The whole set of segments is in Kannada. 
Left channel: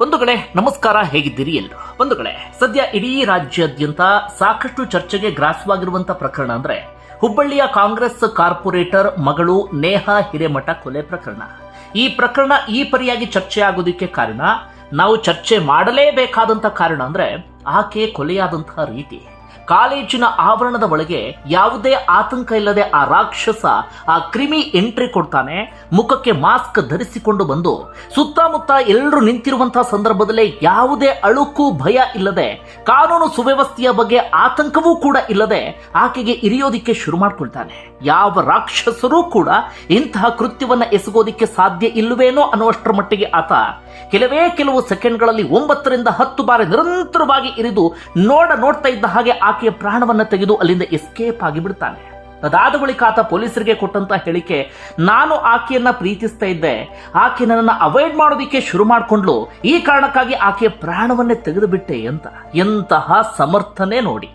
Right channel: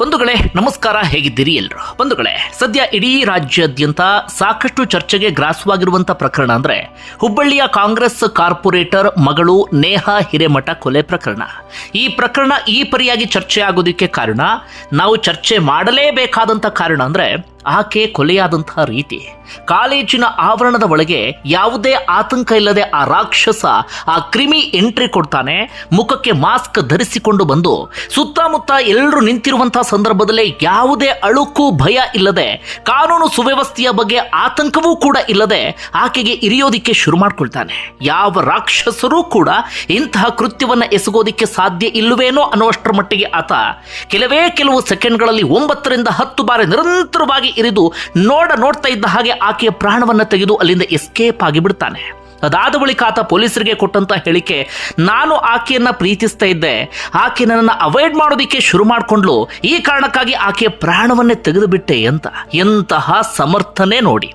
ಬಂಧುಗಳೇ, ನಮಸ್ಕಾರ, ಹೇಗಿದ್ದೀರಿ ಎಲ್ರು ಬಂಧುಗಳೇ, ಸದ್ಯ ಇಡೀ ರಾಜ್ಯಾದ್ಯಂತ ಸಾಕಷ್ಟು ಚರ್ಚೆಗೆ ಗ್ರಾಸವಾಗಿರುವಂತಹ ಪ್ರಕರಣ ಅಂದ್ರೆ ಹುಬ್ಬಳ್ಳಿಯ ಕಾಂಗ್ರೆಸ್ ಕಾರ್ಪೊರೇಟರ್ ಮಗಳು ನೇಹಾ ಹಿರೇಮಠ ಕೊಲೆ ಪ್ರಕರಣ. ಈ ಪ್ರಕರಣ ಈ ಪರಿಯಾಗಿ ಚರ್ಚೆ ಆಗೋದಕ್ಕೆ ಕಾರಣ, ನಾವು ಚರ್ಚೆ ಮಾಡಲೇಬೇಕಾದಂತ ಕಾರಣ ಅಂದ್ರೆ ಆಕೆ ಕೊಲೆಯಾದಂತಹ ರೀತಿ. ಕಾಲೇಜಿನ ಆವರಣದ ಒಳಗೆ ಯಾವುದೇ ಆತಂಕ ಇಲ್ಲದೆ ಆ ರಾಕ್ಷಸ ಆ ಕ್ರಿಮಿ ಎಂಟ್ರಿ ಕೊಡ್ತಾನೆ, ಮುಖಕ್ಕೆ ಮಾಸ್ಕ್ ಧರಿಸಿಕೊಂಡು ಬಂದು ಸುತ್ತಮುತ್ತ ಎಲ್ಲರೂ ನಿಂತಿರುವಂತಹ ಸಂದರ್ಭದಲ್ಲಿ ಯಾವುದೇ ಅಳುಕು ಭಯ ಇಲ್ಲದೆ, ಕಾನೂನು ಸುವ್ಯವಸ್ಥೆಯ ಬಗ್ಗೆ ಆತಂಕವೂ ಕೂಡ ಇಲ್ಲದೆ ಆಕೆಗೆ ಇರಿಯೋದಿಕ್ಕೆ ಶುರು ಮಾಡ್ಕೊಳ್ತಾನೆ. ಯಾವ ರಾಕ್ಷಸರೂ ಕೂಡ ಇಂತಹ ಕೃತ್ಯವನ್ನ ಎಸಗೋದಿಕ್ಕೆ ಸಾಧ್ಯ ಇಲ್ಲವೇನೋ ಅನ್ನುವಷ್ಟರ ಮಟ್ಟಿಗೆ ಆತ ಕೆಲವೇ ಕೆಲವು ಸೆಕೆಂಡ್ಗಳಲ್ಲಿ ಒಂಬತ್ತರಿಂದ ಹತ್ತು ಬಾರಿ ನಿರಂತರವಾಗಿ ಇರಿದು ನೋಡ ನೋಡ್ತಾ ಇದ್ದ ಹಾಗೆ ಆಕೆಯ ಪ್ರಾಣವನ್ನು ತೆಗೆದು ಅಲ್ಲಿಂದ ಎಸ್ಕೇಪ್ ಆಗಿ ಬಿಡ್ತಾನೆ. ಅದಾದ ಬಳಿಕ ಆತ ಪೊಲೀಸರಿಗೆ ಕೊಟ್ಟಂತ ಹೇಳಿಕೆ, ನಾನು ಆಕೆಯನ್ನ ಪ್ರೀತಿಸ್ತಾ ಇದ್ದೆ. ಆಕೆ ನನ್ನನ್ನು ಅವಾಯ್ಡ್ ಮಾಡೋದಿಕ್ಕೆ ಶುರು ಮಾಡಿಕೊಂಡ್ಲು ಈ ಕಾರಣಕ್ಕಾಗಿ ಆಕೆಯ ಪ್ರಾಣವನ್ನೇ ತೆಗೆದು ಬಿಟ್ಟೆ ಅಂತ. ಎಂತಹ ಸಮರ್ಥನೆ ನೋಡಿ.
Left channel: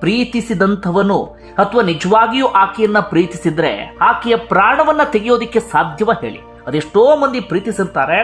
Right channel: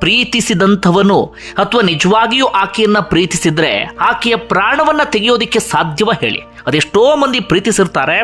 ಪ್ರೀತಿಸಿದಂಥವನು ಅಥವಾ ನಿಜವಾಗಿಯೂ ಆಕೆಯನ್ನ ಪ್ರೀತಿಸಿದ್ರೆ ಆಕೆಯ ಪ್ರಾಣವನ್ನ ತೆಗೆಯೋದಿಕ್ಕೆ ಸಾಧ್ಯವ ಹೇಳಿ. ಅದೆಷ್ಟೋ ಮಂದಿ ಪ್ರೀತಿಸಿರ್ತಾರೆ,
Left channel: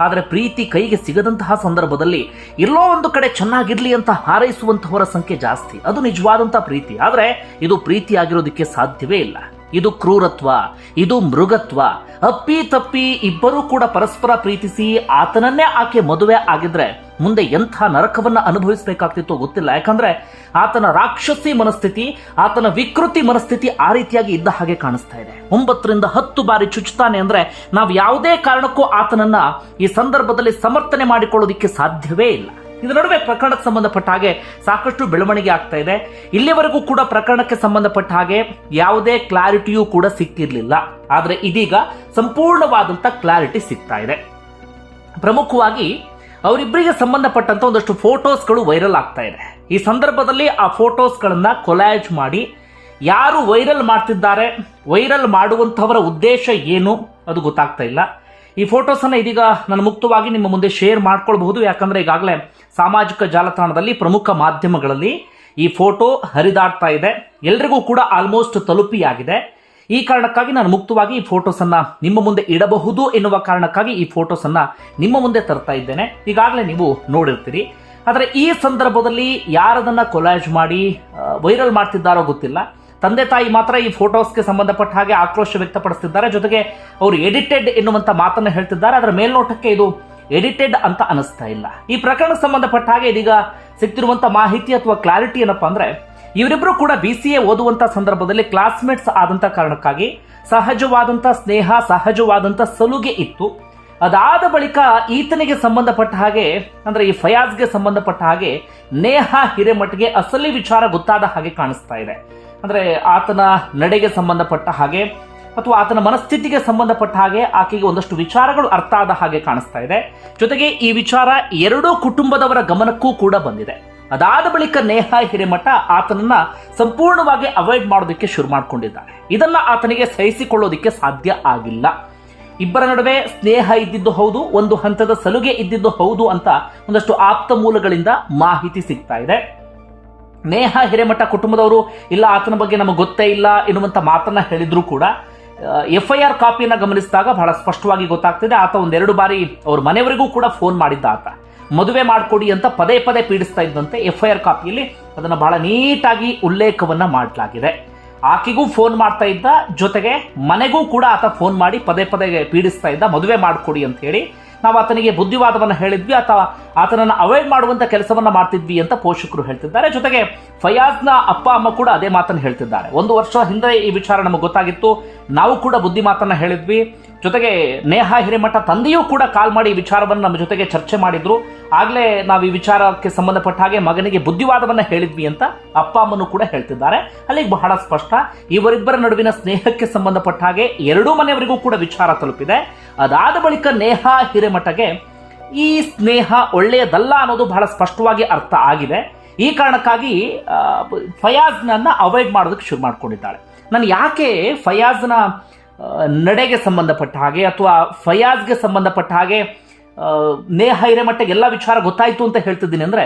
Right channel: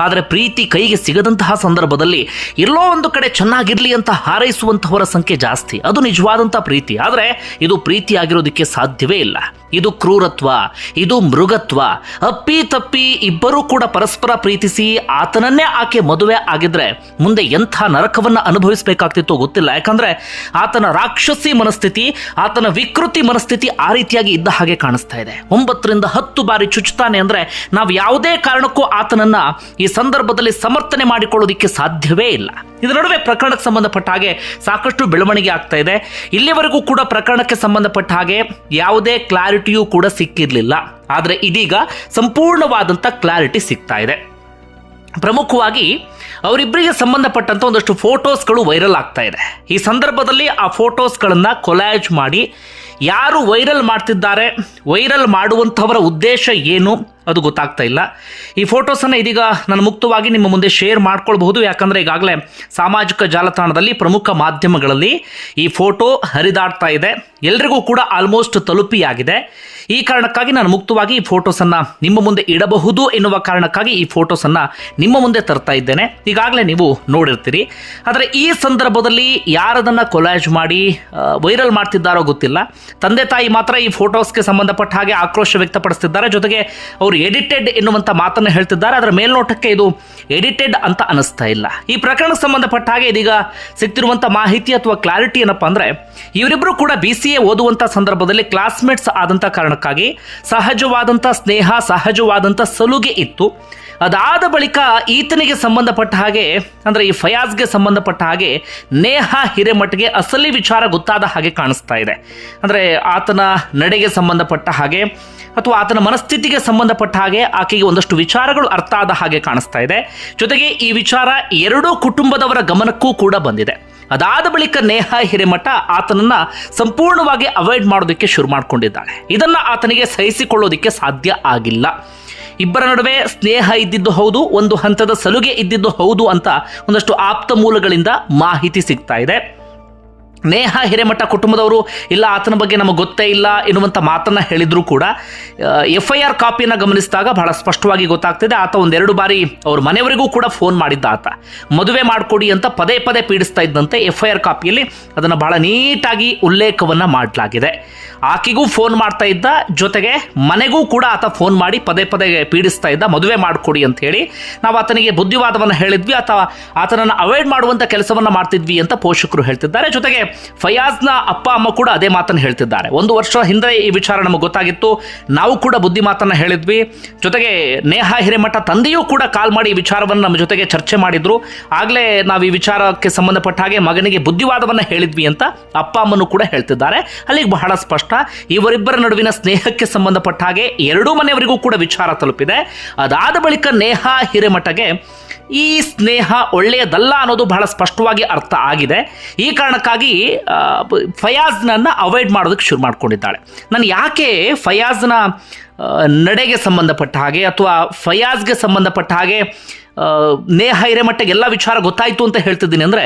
ಆದರೆ ಪ್ರೀತಿ ಕೈಗೆ ಸಿಗದಂತಹ ಸಂದರ್ಭದಲ್ಲಿ ಎಲ್ಲೋ ಒಂದು ಕಡೆ ಚೆನ್ನಾಗಿರಲಿ ಅಂತ ಹಾರೈಸುವಂತಹವರ ಸಂಖ್ಯೆ ಜಾಸ್ತಿ. ಅದು ನಿಜವಾದಂಥ ಪ್ರೀತಿ. ಆದರೆ ಇದು ಪ್ರೀತಿ ಆಗಿರೋದಕ್ಕೆ ಸಾಧ್ಯವೇ ಇಲ್ಲ. ಇದು ಕ್ರೂರತ್ವ, ಇದು ಮೃಗತ್ವ. ಅಪ್ಪಿ ತಪ್ಪಿ ಇಬ್ಬರೂ ಕೂಡ ಪರಸ್ಪರ ಪ್ರೀತಿಸಿ ಆತನನ್ನೇ ಆಕೆ ಮದುವೆ ಆಗಿದ್ರೆ ಮುಂದೆ ಎಂಥ ನರಕವನ್ನು ಅನುಭವಿಸಬೇಕಾಗ್ತಿತ್ತು ಗೊತ್ತಿಲ್ಲ. ಯಾಕಂದ್ರೆ ಆತನ ರಾಕ್ಷಸಿ ಮನಸ್ಥಿತಿ, ಆತನ ವಿಕೃತಿ ಮನಸ್ಥಿತಿ ಆ ರೀತಿಯಾಗಿ ಇದ್ದ ಹಾಗೆ ಕಾಣಿಸ್ತಾ ಇದೆ. ಒಂಬತ್ತರಿಂದ ಹತ್ತು ಬಾರಿ ಚುಚ್ಚುತ್ತಾನೆ ಅಂದ್ರೆ ನಾವು ಯಾವುದೇ ಕಾರಣಕ್ಕೂ ಆತನನ್ನ ಈ ಸಂದರ್ಭದಲ್ಲಿ ಸಮರ್ಥನೆ ಮಾಡಿಕೊಳ್ಳೋದಿಕ್ಕೆ ಸಾಧ್ಯವೇ ಇಲ್ಲ. ಇದರ ನಡುವೆ ಪ್ರಕರಣಕ್ಕೆ ಸಂಬಂಧಪಟ್ಟ ಹಾಗೆ ಸಾಕಷ್ಟು ಬೆಳವಣಿಗೆ ಆಗ್ತಾ ಇದೆ. ಇಲ್ಲಿವರೆಗೂ ಕೂಡ ಪ್ರಕರಣಕ್ಕೆ ಸಂಬಂಧಪಟ್ಟ ಹಾಗೆ ಯಾವುದೇ ಕ್ಲಾರಿಟಿಯೂ ಕೂಡ ಸಿಕ್ಕಿರಲಿಲ್ಲ. ಆದರೆ ಇದೀಗ ಸಂಪೂರ್ಣವಾದಂಥ ಕ್ಲಾರಿಟಿ ಸಿಗ್ತಾ ಇದೆ. ಪ್ರಮುಖವಾಗಿ ಅವರಿಬ್ಬರಿಗೆ ಸಂಬಂಧಪಟ್ಟಂಥ ಒಂದಷ್ಟು ಫೋಟೋಸ್ಗಳು ವೈರಲ್ ಆಗ್ತಾ ಇದೆ. ಈ ಸಂದರ್ಭದಲ್ಲಿ ಆ ಫೋಟೋಸ್ಗಳನ್ನು ಕೊಲಾಜ್ ಮಾಡಿ ಯಾರು ವೈರಲ್ ಮಾಡ್ತಿದ್ದಾರೆ, ವೈರಲ್ ಮಾಡುವಂಥವರ ಉದ್ದೇಶ ಏನು ಅದು ಗೊತ್ತಾಗ್ತಾ ಇಲ್ಲ. ಈ ಫೋಟೋಸನ್ನು ಇದೀಗ ನಾನು ಮುಕ್ತವಾಗಿ ನಿಮ್ಮ ಮುಂದೆ ಶೇರ್ ಮಾಡ್ಕೊಳ್ಬಹುದು. ಯಾಕಂದರೆ ಈಗಾಗಲೇ ಸಾಮಾಜಿಕ ಜಾಲತಾಣದಲ್ಲಿ ಪ್ರಮುಖ ಮಾಧ್ಯಮಗಳಲ್ಲಿ ಈ ಫೋಟೋ ಹರಿದಾಡ್ತಾ ಇದೆ. ಎಲ್ರಿಗೂ ಕೂಡ ಆಲ್ಮೋಸ್ಟ್ ತಲುಪಿಯಾಗಿದೆ. ಈ ಕಾರಣಕ್ಕಾಗಿ ನಾನು ಮುಕ್ತವಾಗಿ ಈ ಫೋಟೋಸನ್ನು ನಿಮ್ಮ ಮುಂದೆ ಇಡಬಹುದು ಎನ್ನುವ ಕಾರಣಕ್ಕಾಗಿ ಈ ಫೋಟೋಸನ್ನು ನಿಮ್ಮ ಮುಂದೆ ತರ್ತಾ ಇದ್ದೇನೆ. ಈಗಾಗಲೇ ನೀವು ನೋಡಿರ್ತೀರಿ. ಆದರೆ ಈ ಸಂದರ್ಭದಲ್ಲಿ ಯಾರದನ್ನು ಕೊಲಾಜ್ ಮಾಡಿ ವೈರಲ್ ಮಾಡ್ತಿದ್ದಾರೋ ಗೊತ್ತಿಲ್ಲ. ತಂದೆ ತಾಯಿ ಮಾತ್ರ ಈ ಫೋಟೋಸ್ಗೆ ಸಂಬಂಧಪಟ್ಟ ಹಾಗೆ ಆಕ್ರೋಶ ವ್ಯಕ್ತಪಡಿಸ್ತಿದ್ದಾರೆ. ಜೊತೆಗೆ ಅವರು ಎಡಿಟೆಡ್ ಎನ್ನುವಂಥ ಮಾತನ್ನು ಹೇಳ್ತಿದ್ದಾರೆ. ಅದರ ಮೇಲ್ನೋಟಕ್ಕೆ ಇದು ಎಡಿಟೆಡ್ ಅಂತ ಅನಿಸ್ತಾ ಇಲ್ಲ. ಈ ಪ್ರಕರಣಕ್ಕೆ ಸಂಬಂಧಪಟ್ಟ ಹಾಗೆ ಇದೀಗ ಸಿಗ್ತಿರುವಂಥ ಮಾಹಿತಿ ಅಥವಾ ಕ್ಲಾರಿಟಿ ಏನಪ್ಪ ಅಂದರೆ ಇವರಿಬ್ಬರು ಕೂಡ ಬಿ ಸಿ ಎ ಓದುವಂಥ ಸಂದರ್ಭದಲ್ಲಿ ಕ್ಲಾಸ್ಮೇಟ್ಸ್ ಆದಂಥ ಕಾರಣಕ್ಕಾಗಿ ಸಹಜವಾದಂಥ ಸ್ನೇಹ, ಸಹಜವಾದಂಥ ಸಲುಗೆ ಇತ್ತು. ಅದಾದ ಬಳಿಕ ಈತನಿಗೆ ಸಂಬಂಧಪಟ್ಟ ಹಾಗೆ, ಅಂದರೆ ಈ ಫಯಾಜ್ಗೆ ಸಂಬಂಧಪಟ್ಟ ಹಾಗೆ ನೇಹ ಹಿರೇಮಠಗೆ ಅಸಲಿ ವಿಚಾರ ಗೊತ್ತಾದ ಹಾಗೆ ಕಾಣಿಸ್ತಾ ಇದೆ. ಅಂದರೆ ಆತನ ನಡೆಗೆ ಸಂಬಂಧಪಟ್ಟ ಹಾಗೆ ಅಥವಾ ಆತನ ಮನಸ್ಥಿತಿಗೆ ಸಂಬಂಧಪಟ್ಟ ಹಾಗೆ ಆಕೆಗೆ ಒಂದಷ್ಟು ವಿಚಾರಗಳು ಅರ್ಥ ಆದ ಹಾಗೆ ಕಾಣಿಸ್ತಾ ಇದೆ. ಜೊತೆಗೆ ಈ ವಿಚಾರ ಎರಡೂ ಕುಟುಂಬದವರ ಗಮನಕ್ಕೂ ಕೂಡ ಬಂದಿದೆ. ಅದಾದ ಬಳಿಕ ನೇಹ ಹಿರೇಮಠ ಆತನನ್ನ ಸಂಪೂರ್ಣವಾಗಿ ಅವಾಯ್ಡ್ ಮಾಡೋದಕ್ಕೆ ಶುರು ಮಾಡಿಕೊಂಡಿದ್ದಾಳೆ. ಇದನ್ನ ಆತನಿಗೆ ಸಹಿಸಿಕೊಳ್ಳೋದಕ್ಕೆ ಸಾಧ್ಯ ಆಗಿಲ್ಲ. ಇಬ್ಬರ ನಡುವೆ ಸ್ನೇಹ ಇದ್ದಿದ್ದು ಹೌದು, ಒಂದು ಹಂತದ ಸಲುಗೆ ಇದ್ದಿದ್ದು ಹೌದು ಅಂತ ಒಂದಷ್ಟು ಆಪ್ತ ಮೂಲಗಳಿಂದ ಮಾಹಿತಿ ಸಿಗ್ತಾ ಇದೆ. ನೇಹ ಹಿರೇಮಠ ಕುಟುಂಬದವರು, ಇಲ್ಲ ಆತನ ಬಗ್ಗೆ ನಮಗೆ ಗೊತ್ತೇ ಇಲ್ಲ ಎನ್ನುವಂಥ ಮಾತನ್ನು ಹೇಳಿದರೂ ಕೂಡ ಎಫ್ ಐ ಆರ್ ಕಾಪಿಯನ್ನು ಗಮನಿಸಿದಾಗ ಬಹಳ ಸ್ಪಷ್ಟವಾಗಿ ಗೊತ್ತಾಗ್ತಿದೆ. ಆತ ಒಂದೆರಡು ಬಾರಿ ಅವ್ರ ಮನೆಯವರಿಗೂ ಕೂಡ ಫೋನ್ ಮಾಡಿದ್ದ ಆತ. ಮದುವೆ ಮಾಡಿಕೊಡಿ ಅಂತ ಪದೇ ಪದೇ ಪೀಡಿಸ್ತಾ ಇದ್ದಂತೆ ಎಫ್ ಐ ಆರ್ ಕಾಪಿಯಲ್ಲಿ ಅದನ್ನು ಬಹಳ ನೀಟಾಗಿ ಉಲ್ಲೇಖವನ್ನು ಮಾಡಲಾಗಿದೆ. ಆಕೆಗೂ ಫೋನ್ ಮಾಡ್ತಾ ಇದ್ದ, ಜೊತೆಗೆ ಮನೆಗೂ ಕೂಡ ಆತ ಫೋನ್ ಮಾಡಿ ಪದೇ ಪದೇ ಪೀಡಿಸ್ತಾ ಇದ್ದ, ಮದುವೆ ಮಾಡಿಕೊಡಿ ಅಂತ ಹೇಳಿ. ನಾವು ಆತನಿಗೆ ಬುದ್ಧಿವಾದವನ್ನು ಹೇಳಿದ್ವಿ ಅಥವಾ ಆತನನ್ನು ಅವಾಯ್ಡ್ ಮಾಡುವಂಥ ಕೆಲಸವನ್ನು ಮಾಡ್ತಿದ್ವಿ ಅಂತ ಪೋಷಕರು ಹೇಳ್ತಿದ್ದಾರೆ. ಜೊತೆಗೆ ಫಯಾಜ್ನ ಅಪ್ಪ, ಅಮ್ಮ ಕೂಡ ಅದೇ ಮಾತನ್ನು ಹೇಳ್ತಿದ್ದಾರೆ. ಒಂದು ವರ್ಷ ಹಿಂದೆ ಈ ವಿಚಾರ ನಮಗೆ ಗೊತ್ತಾಗಿತ್ತು. ನಾವು ಕೂಡ ಬುದ್ಧಿ ಮಾತನ್ನು ಹೇಳಿದ್ವಿ. ಜೊತೆಗೆ ನೇಹ ಹಿರೇಮಠ ತಂದೆಯೂ ಕೂಡ ಕಾಲ್ ಮಾಡಿ ಈ ವಿಚಾರವನ್ನು ನಮ್ಮ ಜೊತೆಗೆ ಚರ್ಚೆ ಮಾಡಿದ್ರು. ಆಗಲೇ ನಾವು ಈ ವಿಚಾರಕ್ಕೆ ಸಂಬಂಧಪಟ್ಟ ಹಾಗೆ ಮಗನಿಗೆ ಬುದ್ಧಿವಾದವನ್ನು ಹೇಳಿದ್ವಿ ಅಂತ ಅಪ್ಪ, ಅಮ್ಮನೂ ಕೂಡ ಹೇಳ್ತಿದ್ದಾರೆ. ಅಲ್ಲಿಗೆ ಬಹಳ ಸ್ಪಷ್ಟ ಇವರಿಬ್ಬರ ನಡುವಿನ ಸ್ನೇಹಕ್ಕೆ ಸಂಬಂಧಪಟ್ಟ ಹಾಗೆ ಎರಡೂ ಮನೆಯವರಿಗೂ ಕೂಡ ವಿಚಾರ ತಲುಪಿದೆ. ಅದಾದ ಬಳಿಕ ನೇಹ ಹಿರೇಮಠಗೆ, ಈ ಸ್ನೇಹ ಒಳ್ಳೆಯದಲ್ಲ ಅನ್ನೋದು ಬಹಳ ಸ್ಪಷ್ಟವಾಗಿ ಅರ್ಥ ಆಗಿದೆ. ಈ ಕಾರಣಕ್ಕಾಗಿ ಫಯಾಜ್ನನ್ನ ಅವಾಯ್ಡ್ ಮಾಡೋದಕ್ಕೆ ಶುರು ಮಾಡ್ಕೊಂಡಿದ್ದಾಳೆ. ನಾನು ಯಾಕೆ ಫಯಾಜ್ನ ನಡೆಗೆ ಸಂಬಂಧಪಟ್ಟ ಹಾಗೆ ಅಥವಾ ಫಯಾಜ್ಗೆ ಸಂಬಂಧಪಟ್ಟ ಹಾಗೆ ನೇಹ ಹಿರೇಮಠಗೆ ಎಲ್ಲ ವಿಚಾರ ಗೊತ್ತಾಯಿತು ಅಂತ ಹೇಳ್ತಿದ್ದೀನಿ ಅಂದರೆ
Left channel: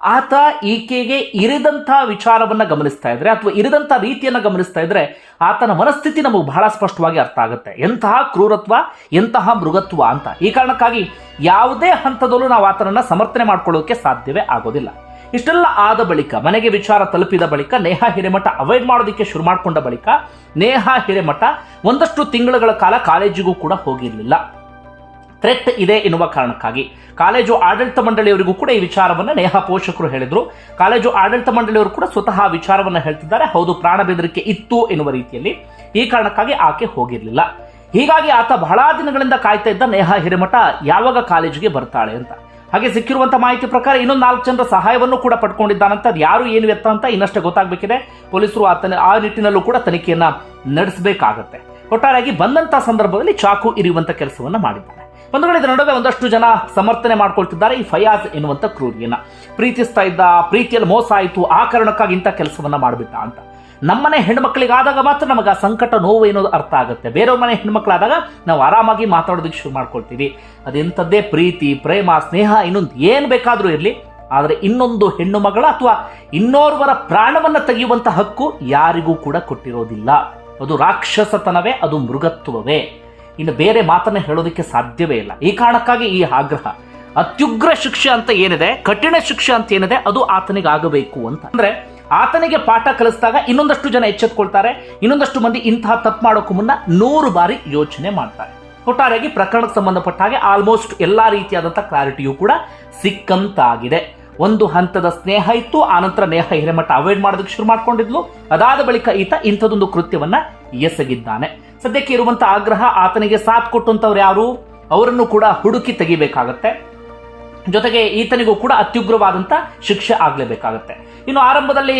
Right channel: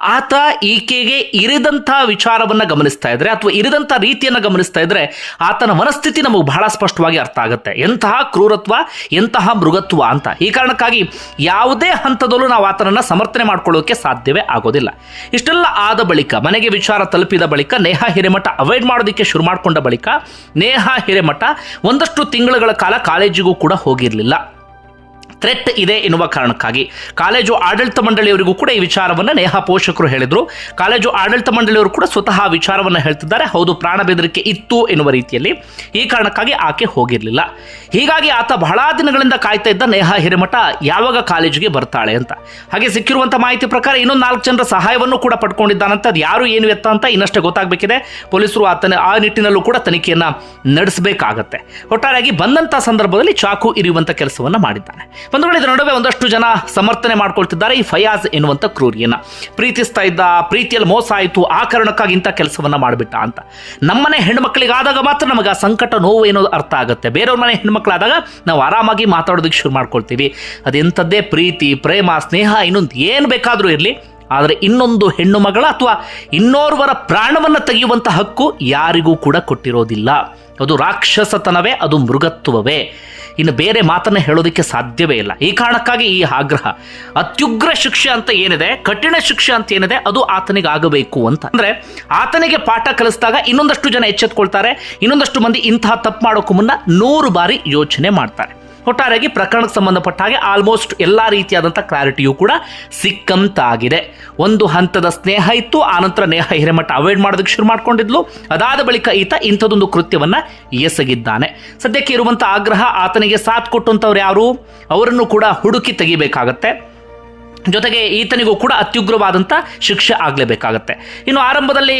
ಆತ ಈಕೆಗೆ ಇರಿದಂಥ ವಿಚಾರವನ್ನು ಗಮನಿಸ್ತಾ ಇದ್ರೆ ಅಥವಾ ಇರಿದಂಥ ರೀತಿಯನ್ನು ಗಮನಿಸ್ತಾ ಇದ್ರೆ ಆತನ ಮನಸ್ಥಿತಿ ನಮಗೆ ಬಹಳ ಸ್ಪಷ್ಟವಾಗಿ ಅರ್ಥ ಆಗುತ್ತೆ. ಎಂತಹ ಕ್ರೂರತ್ವ, ಎಂತಹ ಮೃಗತ್ವ ಅಂತ. ಈ ಕಾರಣಕ್ಕಾಗಿ ಯಾವುದೇ ಹಂತದಲ್ಲೂ ನಾವು ಆತನನ್ನು ಸಮರ್ಥನೆ ಮಾಡ್ಕೊಳ್ಳೋಕೆ ಸಾಧ್ಯವೇ ಆಗೋದಿಲ್ಲ. ಇಷ್ಟೆಲ್ಲ ಆದ ಬಳಿಕ, ಮನೆಗೆ ವಿಚಾರ ತಲುಪಿದ ಬಳಿಕ, ನೇಹ, ಹಿರೇಮಠ ಅವಾಯ್ಡ್ ಮಾಡೋದಕ್ಕೆ ಶುರು ಮಾಡಿಕೊಂಡ ಬಳಿಕ, ನೇಹ, ಹಿರೇಮಠ ಒಂದಷ್ಟು ತಿಂಗಳುಗಳ ಕಾಲ ಕಾಲೇಜಿಗೂ ಕೂಡ ಹೋಗಿರಲಿಲ್ಲ. ಥ್ರೆಟ್ ಇದೆ ಎನ್ನುವ ಕಾರಣಕ್ಕಾಗಿ. ಕಾಲೇಜು ಆಡಳಿತ ಮಂಡಳಿಯವರಿಗೂ ಕೂಡ ಈ ವಿಚಾರವನ್ನು ನೇಹ ಪೋಷಕರು ಹೇಳಿದರು. ಕಾಲೇಜು ಆಡಳಿತ ಮಂಡಳಿಯವರು ಕೂಡ ಸ್ವತಃ ವಿಚಾರವನ್ನು ಹೇಳ್ತಿದ್ದಾರೆ. ಹೌದು, ಪ್ರಾಣ ಬೆದರಿಕೆ ಇತ್ತು ಎನ್ನುವ ರೀತಿಯಲ್ಲಿ. ಈ ಕಾರಣಕ್ಕಾಗಿ ಆಕೆ ಹೋಗಿರಲಿಲ್ಲ. ಹೀಗಾಗಿ ಆತ ಬಹಳ ದಿನಗಳಿಂದ ಕಾಯ್ತಾ ಇದ್ದ ನೇಹ ಹಿರೇಮಠ ಯಾವಾಗ ಕಾಲೇಜಿಗೆ ಬರ್ತಾಳೆ ಅಂತ. ಹಾಗೆ ಸಿಕ್ಕಿರುವಂಥ ಮಾಹಿತಿ ಪ್ರಕಾರ ಇನ್ನೊಂದು ನಾಲ್ಕು ಜನರ ಸಹಾಯವನ್ನು ಕೂಡ ಪಡ್ಕೊಂಡಿದ್ದಾನಂತ ಅದು ಯಾರು, ಏನು ಎತ್ತ ಅಂತ ಇನ್ನಷ್ಟೇ ಗೊತ್ತಾಗಬೇಕಿದೆ. ಪೊಲೀಸರು ಆತನ ಆ ನಿಟ್ಟಿನಲ್ಲೂ ಕೂಡ ತನಿಖೆಯನ್ನು ನಡೆಸಬೇಕಾಗತ್ತೆ. ಒಟ್ಟಾರೆಯಾಗಿ ಬಂದಂಥ ಸಂದರ್ಭದಲ್ಲಿ ಚಾಕು ಇರಿಯುವಂಥ ಕೆಲಸವನ್ನು ಮಾಡಿದ್ದಾನೆ. ವೇಳೆ ಇದರ ನಡುವೆ ಒಂದಷ್ಟು ಜನ ಸಮರ್ಥನೆ ಮಾಡ್ಕೊಳ್ತಿದ್ದಾರೆ ಈ ಫಯಾಜ್ ಎನ್ನುವಂಥ ಕ್ರೂರಿಯನ್ನು. ಪ್ರೀತಿಸ್ತಾ ಇದ್ದ, ಪ್ರೀತಿಯಲ್ಲಿ ಮೋಸ ಆಯಿತು, ಆ ಕಾರಣಕ್ಕಾಗಿ ಇಂಥ ಕೆಲಸವನ್ನ ಮಾಡಿಬಿಟ್ಟ ಅಂತ. ನಮ್ಮನೆ ಹೆಣ್ಮಕ್ಳಿಗಾದಾಗ ಮಾತ್ರ ನಮಗೆ ಆ ಸಂಕಟ ನೋವು ಏನೋ ಅರ್ಥ ಆಗುತ್ತೆ. ಬೇರೆಯವ್ರ ಮನೆ ಹೆಣ್ಮಕ್ಳಾದಾಗ ನಾವು ಆರಾಮಾಗಿ ಮಾತಾಡೋದಕ್ಕೆ ಶುರು ಮಾಡ್ಕೊಳ್ತೀವಿ. ಅದೆಂಥದ್ದೇ ಪ್ರೀತಿ, ಪ್ರೇಮ, ಸ್ನೇಹ, ಇನ್ನೊಂದು ಏನು ಬೇಕಾದರೂ ಇರಲಿ. ಆದರೆ ಇನ್ನೊಂದು ಹೆಣ್ಣು ಮಗಳ ಅಥವಾ ಇನ್ನೋರ್ವರ ಪ್ರಾಣವನ್ನು ತೆಗೆಯುವಂಥ ಹಕ್ಕು ಯಾರಿಗೂ ಕೂಡ ಕೊಟ್ಟಿರೋದಿಲ್ಲ. ಅದು ರಾಕ್ಷಸತನವೇ, ಅದು ಮೃಗತ್ವವೇ. ಇನ್ನು ಬೇರೆ ಮಾತನ್ನು ಹೇಳೋದಕ್ಕೆ ಸಾಧ್ಯವೇ ಇಲ್ಲ. ಈ ಕಾರಣಕ್ಕಾಗಿ ಈ ಆಗ್ರಹ. ಅತ್ಯುಗ್ರ ಶಿಕ್ಷೆ ಅಂತ ಏನಿದೆ, ಕಠಿಣ ಶಿಕ್ಷೆ ಅಂತ ಏನಿದೆ, ಅದು ಆತನಿಗೆ ಆಗಬೇಕು ಅಂತ. ಅಂದ್ರೆ ಆತನಿಗೆ ಪಾಠ ಕಲಿಸಿದಾಗ ಇನ್ನೊಂದಷ್ಟು ಜನ ಎಚ್ಚೆತ್ಕೊಳ್ತಾರೆ, ಇನ್ನೊಂದಷ್ಟು ಮಂದಿ ಇಂತಹ ತಪ್ಪು ಮಾಡೋಕ್ಕೂ ಮುನ್ನ ನೂರು ಬಾರಿ ಯೋಚನೆ ಮಾಡ್ತಾರೆ. ಒಟ್ಟಾರೆಯಾಗಿ ಪ್ರಕರಣಕ್ಕೆ ಸಂಬಂಧಪಟ್ಟ ಹಾಗೆ ಆಲ್ಮೋಸ್ಟ್ ಎಲ್ಲ ರೀತಿಯಾದಂಥ ಕ್ಲಾರಿಟಿಯು ಕೂಡ ಸಿಕ್ಕಂತಾಗಿದೆ. ಒಂದು ಹಂತದ ಸ್ನೇಹ ಇತ್ತು ಆನಂತರ ನೇಹ ಹಿರೇಮಠ ಅವಾಯ್ಡ್ ಮಾಡೋದಕ್ಕೆ ಶುರು ಮಾಡ್ಕೊಂಡಿದ್ಲು. ಅದಾದ ಬಳಿಕ ಈತ ಇಂಥದೊಂದು ಕೃತ್ಯವನ್ನು ಎಸಗಿದ್ದಾನೆ. ಸದ್ಯಕ್ಕೆ ಇರುವಂಥ ಆಗ್ರಹ ಆತನಿಗೆ ಸಾಥ್ ಕೊಟ್ಟಂಥವ್ರು ಯಾರು? ಅವರನ್ನು ಕೂಡ ಹುಡುಕಿ ತೆಗಿಬೇಕಾಗತ್ತೆ. ಜೊತೆಗೆ ಈತನಿಗೂ ಕೂಡ ಅತ್ಯುಗ್ರವಾದಂಥ ಶಿಕ್ಷೆ ಆಗಲೇಬೇಕಾಗತ್ತೆ. ಇನ್ನು ಆರಂಭದಲ್ಲಿ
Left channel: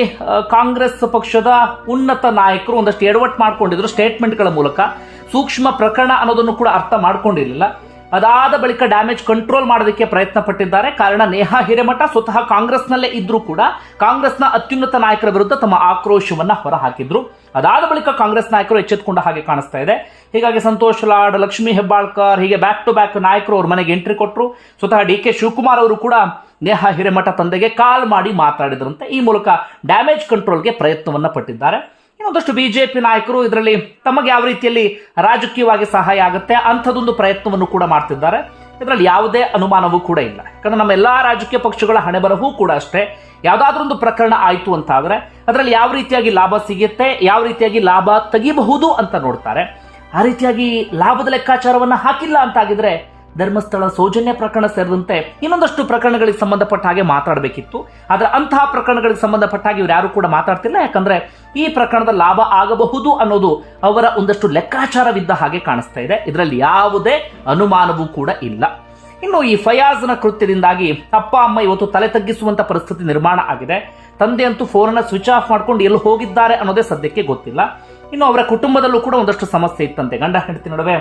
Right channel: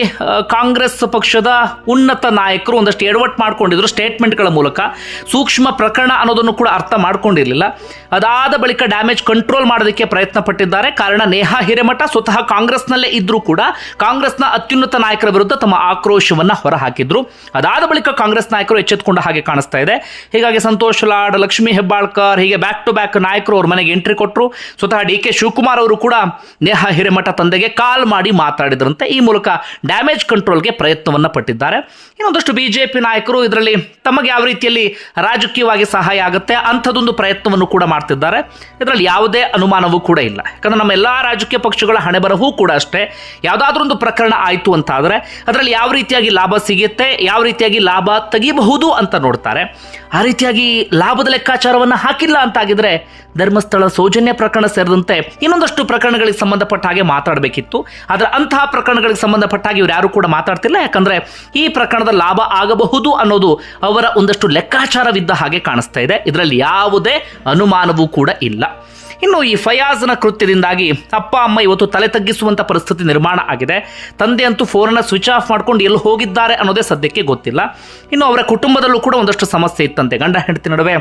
ಕಾಂಗ್ರೆಸ್ ಪಕ್ಷದ ಉನ್ನತ ನಾಯಕರು ಒಂದಷ್ಟು ಎಡವಟ್ ಮಾಡ್ಕೊಂಡಿದ್ರು ಸ್ಟೇಟ್ಮೆಂಟ್ಗಳ ಮೂಲಕ. ಸೂಕ್ಷ್ಮ ಪ್ರಕರಣ ಅನ್ನೋದನ್ನು ಕೂಡ ಅರ್ಥ ಮಾಡ್ಕೊಂಡಿರಲಿಲ್ಲ. ಅದಾದ ಬಳಿಕ ಡ್ಯಾಮೇಜ್ ಕಂಟ್ರೋಲ್ ಮಾಡೋದಕ್ಕೆ ಪ್ರಯತ್ನ ಪಟ್ಟಿದ್ದಾರೆ ಕಾರಣ ನೇಹಾ ಹಿರೇಮಠ ಸ್ವತಃ ಕಾಂಗ್ರೆಸ್ನಲ್ಲೇ ಇದ್ದರೂ ಕೂಡ ಕಾಂಗ್ರೆಸ್ನ ಅತ್ಯುನ್ನತ ನಾಯಕರ ವಿರುದ್ಧ ತಮ್ಮ ಆಕ್ರೋಶವನ್ನು ಹೊರಹಾಕಿದ್ರು. ಅದಾದ ಬಳಿಕ ಕಾಂಗ್ರೆಸ್ ನಾಯಕರು ಎಚ್ಚೆತ್ತುಕೊಂಡ ಹಾಗೆ ಕಾಣಿಸ್ತಾ ಇದೆ. ಹೀಗಾಗಿ ಸಂತೋಷ್ ಲಾಡ್, ಲಕ್ಷ್ಮೀ ಹೆಬ್ಬಾಳ್ಕರ್ ಹೀಗೆ ಬ್ಯಾಕ್ ಟು ಬ್ಯಾಕ್ ನಾಯಕರು ಅವ್ರ ಮನೆಗೆ ಎಂಟ್ರಿ ಕೊಟ್ಟರು ಸ್ವತಃ ಡಿ ಕೆ ಶಿವಕುಮಾರ್ ಅವರು ಕೂಡ ನೇಹಾ ಹಿರೇಮಠ ತಂದೆಗೆ ಕಾಲ್ ಮಾಡಿ ಮಾತಾಡಿದ್ರಂತೆ. ಈ ಮೂಲಕ ಡ್ಯಾಮೇಜ್ ಕಂಟ್ರೋಲ್ಗೆ ಪ್ರಯತ್ನವನ್ನು ಪಟ್ಟಿದ್ದಾರೆ. ಇನ್ನೊಂದಷ್ಟು ಪಿ ನಾಯಕರು ಇದರಲ್ಲಿ ತಮಗೆ ಯಾವ ರೀತಿಯಲ್ಲಿ ರಾಜಕೀಯವಾಗಿ ಸಹಾಯ ಆಗುತ್ತೆ ಅಂಥದ್ದೊಂದು ಪ್ರಯತ್ನವನ್ನು ಕೂಡ ಮಾಡ್ತಿದ್ದಾರೆ. ಇದರಲ್ಲಿ ಯಾವುದೇ ಅನುಮಾನವೂ ಕೂಡ ಇಲ್ಲ. ಯಾಕಂದರೆ ನಮ್ಮ ಎಲ್ಲ ರಾಜಕೀಯ ಪಕ್ಷಗಳ ಹಣೆ ಬರಹೂ ಕೂಡ ಅಷ್ಟೇ. ಯಾವುದಾದ್ರೂ ಒಂದು ಪ್ರಕರಣ ಆಯಿತು ಅಂತ ಆದರೆ ಅದರಲ್ಲಿ ಯಾವ ರೀತಿಯಾಗಿ ಲಾಭ ಸಿಗುತ್ತೆ, ಯಾವ ರೀತಿಯಾಗಿ ಲಾಭ ತೆಗಿಬಹುದು ಅಂತ ನೋಡ್ತಾರೆ. ಆ ರೀತಿಯಾಗಿ ಲಾಭದ ಲೆಕ್ಕಾಚಾರವನ್ನು ಹಾಕಿಲ್ಲ ಅಂತಾಗಿದ್ರೆ ಧರ್ಮಸ್ಥಳ ಸೌಜನ್ಯ ಪ್ರಕರಣ ಸೇರಿದಂತೆ ಇನ್ನೊಂದಷ್ಟು ಪ್ರಕರಣಗಳಿಗೆ ಸಂಬಂಧಪಟ್ಟ ಹಾಗೆ ಮಾತಾಡಬೇಕಿತ್ತು. ಆದರೆ ಅಂತಹ ಪ್ರಕರಣಗಳಿಗೆ ಸಂಬಂಧಪಟ್ಟ ಹಾಗೆ ಇವ್ರು ಯಾರು ಕೂಡ ಮಾತಾಡ್ತಿಲ್ಲ. ಯಾಕಂದ್ರೆ ಈ ಪ್ರಕರಣದ ಲಾಭ ಆಗಬಹುದು ಅನ್ನೋದು ಅವರ ಒಂದಷ್ಟು ಲೆಕ್ಕಾಚಾರವಿದ್ದ ಹಾಗೆ ಕಾಣಿಸ್ತಾ ಇದೆ. ಇದರಲ್ಲಿ ಯಾವುದೇ ಅನುಮಾನವೂ ಕೂಡ ಇಲ್ಲ. ಇನ್ನು ಈ ಫಯಾಜ್ನ ಕೃತ್ಯದಿಂದಾಗಿ ಅಪ್ಪ, ಅಮ್ಮ ಇವತ್ತು ತಲೆ ತಗ್ಗಿಸುವಂಥ ಪರಿಸ್ಥಿತಿ ನಿರ್ಮಾಣ ಆಗಿದೆ. ತಂದೆ ಅಂತೂ ಫೋನನ್ನು ಸ್ವಿಚ್ ಆಫ್ ಮಾಡ್ಕೊಂಡು ಎಲ್ಲಿ ಹೋಗಿದ್ದಾರೆ ಅನ್ನೋದೇ ಸದ್ಯಕ್ಕೆ ಗೊತ್ತಿಲ್ಲ. ಇನ್ನು ಅವರ ಕುಟುಂಬದಲ್ಲೂ ಕೂಡ ಒಂದಷ್ಟು ಸಮಸ್ಯೆ ಇತ್ತಂತೆ. ಗಂಡ, ಹೆಂಡತಿ ನಡುವೆ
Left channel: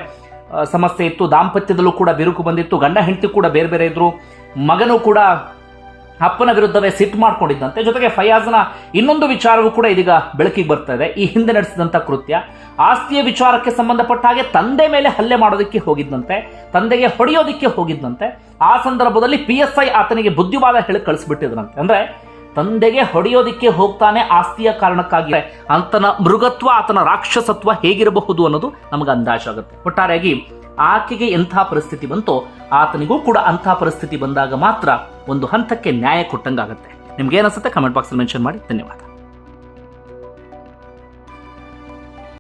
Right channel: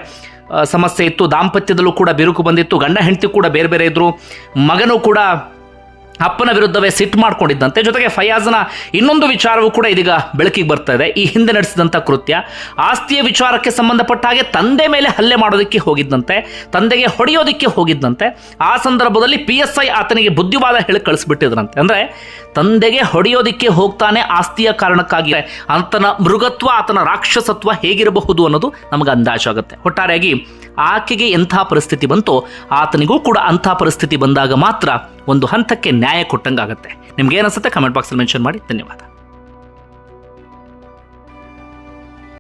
ಸಮಸ್ಯೆ ಇತ್ತು. ದಾಂಪತ್ಯದಲ್ಲೂ ಕೂಡ ಬಿರುಕು ಬಂದಿತ್ತು. ಗಂಡ, ಹೆಂಡತಿ ಕೂಡ ಬೇರೆ ಬೇರೆ ಇದ್ದರು ಮಗನೂ ಕೂಡ ಅಪ್ಪನ ವಿರುದ್ಧವೇ ಸಿಟ್ಟು ಮಾಡ್ಕೊಂಡಿದ್ದಂತೆ. ಜೊತೆಗೆ ಫಯಾಜ್ನ ಇನ್ನೊಂದು ವಿಚಾರವೂ ಕೂಡ ಇದೀಗ ಬೆಳಕಿಗೆ ಬರ್ತಾ ಇದೆ. ಈ ಹಿಂದೆ ನಡೆಸಿದಂಥ ಕೃತ್ಯ, ಆಸ್ತಿಯ ವಿಚಾರಕ್ಕೆ ಸಂಬಂಧಪಟ್ಟ ಹಾಗೆ ತಂದೆ ಮೇಲೆ ಹಲ್ಲೆ ಮಾಡೋದಕ್ಕೆ ಹೋಗಿದ್ದಂತೆ, ತಂದೆಗೆ ಹೊಡೆಯೋದಕ್ಕೆ ಹೋಗಿದ್ದಂತೆ. ಆ ಸಂದರ್ಭದಲ್ಲಿ ಪಿ ಎಸ್ ಐ ಆತನಿಗೆ ಬುದ್ಧಿವಾದ ಹೇಳಿ ಕಳಿಸ್ಬಿಟ್ಟಿದ್ರಂತೆ. ಅಂದರೆ ತಂದೆಗೆ ಹೊಡೆಯೋದಿಕ್ಕೆ ಹೋಗ್ತಾನೆ ಆಸ್ತಿಯ ಕಾರಣಕ್ಕಾಗಿ. ಆತನ ಮೃಗತ್ವ, ಆತನ ರಾಕ್ಷಸತ್ವ ಹೇಗಿರಬಹುದು ಅನ್ನೋದು ನಮಗೆ ಅಂದಾಜಾಗುತ್ತೆ. ಒಟ್ಟಾರೆಯಾಗಿ ಆಕೆಗೆ ಎಂಥ ಪರಿಸ್ಥಿತಿ ಬಂತೋ ಆತನಿಗೂ ಕೂಡ ಅಂಥ ಪರಿಸ್ಥಿತಿ ಬಂದಾಗ ಮಾತ್ರ ಒಂದು ಹಂತಕ್ಕೆ ನ್ಯಾಯ ಕೊಟ್ಟಂಗಾಗುತ್ತೆ. ನಿಮ್ಗೆ ಏನಿಸುತ್ತೆ ಕಮೆಂಟ್ ಬಾಕ್ಸಲ್ಲಿ ಮೆನ್ಷನ್ ಮಾಡಿ. ಧನ್ಯವಾದ.